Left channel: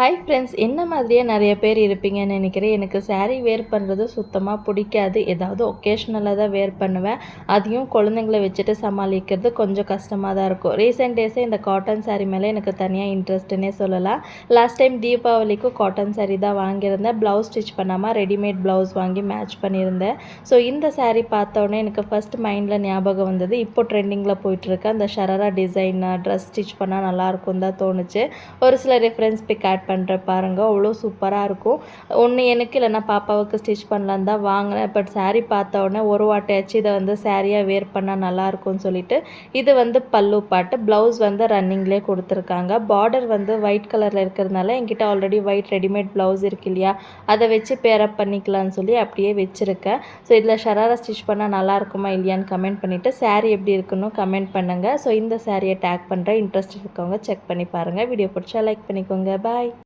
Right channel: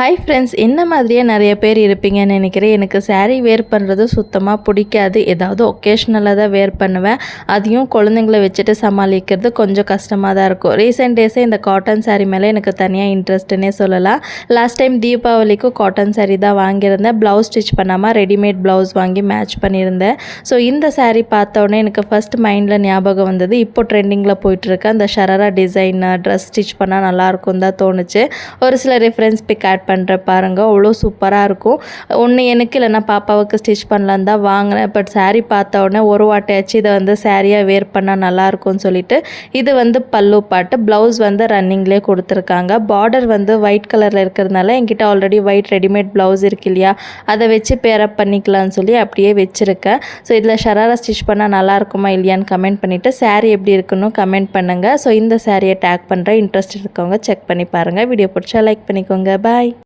Hi friends, என்ன மாதிரியே நிறைய பேர் இருப்பீங்கன்னு நினைக்கிறேன். எனக்கு saree வேர் பண்ணுறது சுத்தமாக பிடிக்காது. ஏதாவது ஒகேஷ்னலாக தான் வேர் பண்ணுவேன். அதையும் குழந்தைங்கள வச்சுட்டு சமாளிக்கிறது கொஞ்சம் கஷ்டமாக தான் இருக்கும். ரீசெண்ட் டேஸே இந்த காட்டன் saree மேலே எனக்கு தனியாக இன்ட்ரெஸ்ட்டுன்னே சொல்லலாம். லாஸ்ட் டைம் தீபாவளிக்கும் காட்டன் saree தான் வாங்கியிருந்தேன். ப்ளவுஸ் ஸ்டிச் பண்ணாமல் ரெடிமேட் ப்ளவுஸ் வாங்கி மேட்ச் பண்ணியிருந்தேன். ஸோ இந்த saree பார்த்தோன்னே எனக்கு ஃபஸ்ட் மைண்டில் ஞாபகம் வந்தது. இப்போ ட்ரெண்டிங்கில் போயிட்டுருக்க அந்த ஷராரா டிசைன் ட்ரெஸ் ஸ்டிச் பண்ணால் நல்லாயிருக்கும் தான் தோணுச்சு. ஒரு சில ரெஃபரன்ஸ் பிக் ஆட் பண்ணுற பாருங்க, அவ்வளோ சூப்பராக இருக்கும். ஒன்று எனக்கு இல்லைனா பாப்பாவுக்கு ஸ்டிச் பண்ணலான்னு தான் வாங்கினேன். பட் saree பார்த்த உடனே ஒரு வாட்டையாச்சு இதை வந்து சாரியாக வேர் பண்ணால் நல்லாயிருக்கும்னு சொல்லிட்டு இது வந்து பல்லு பாட்டு, ப்ளவுஸ் வந்து ரன்னிங்லேயே கொடுத்துருக்காங்க. பார்டர் வந்து ஒயிட் கலரில் இருக்கிறதுனால என்கிட்ட ஆல்ரெடி ஒயிட் ரெடிமேட் ப்ளவுஸ் இருக்கு இல்லையா, அதை வச்சு பேரப் பண்ணிக்கலாம்னு சொல்லி அப்படியே வச்சுருக்கேன். ஸோ இதில் ஷராரா ஸ்டிச் பண்ணால் நல்லா இருக்குமா இல்லையான்னு கமெண்ட் பண்ணிவிட்டு saree எப்படி இருக்குன்னு கமெண்ட் பண்ணுங்கள். ஸோ இந்த சாரியை டேக் பண்ணுறேன். இன்ட்ரெஸ்ட் இருக்கவங்க செக் பண்ணி பாருங்கள். வீடியோ பிடிச்சா லைக் பண்ணிக்கோங்க. பாய்.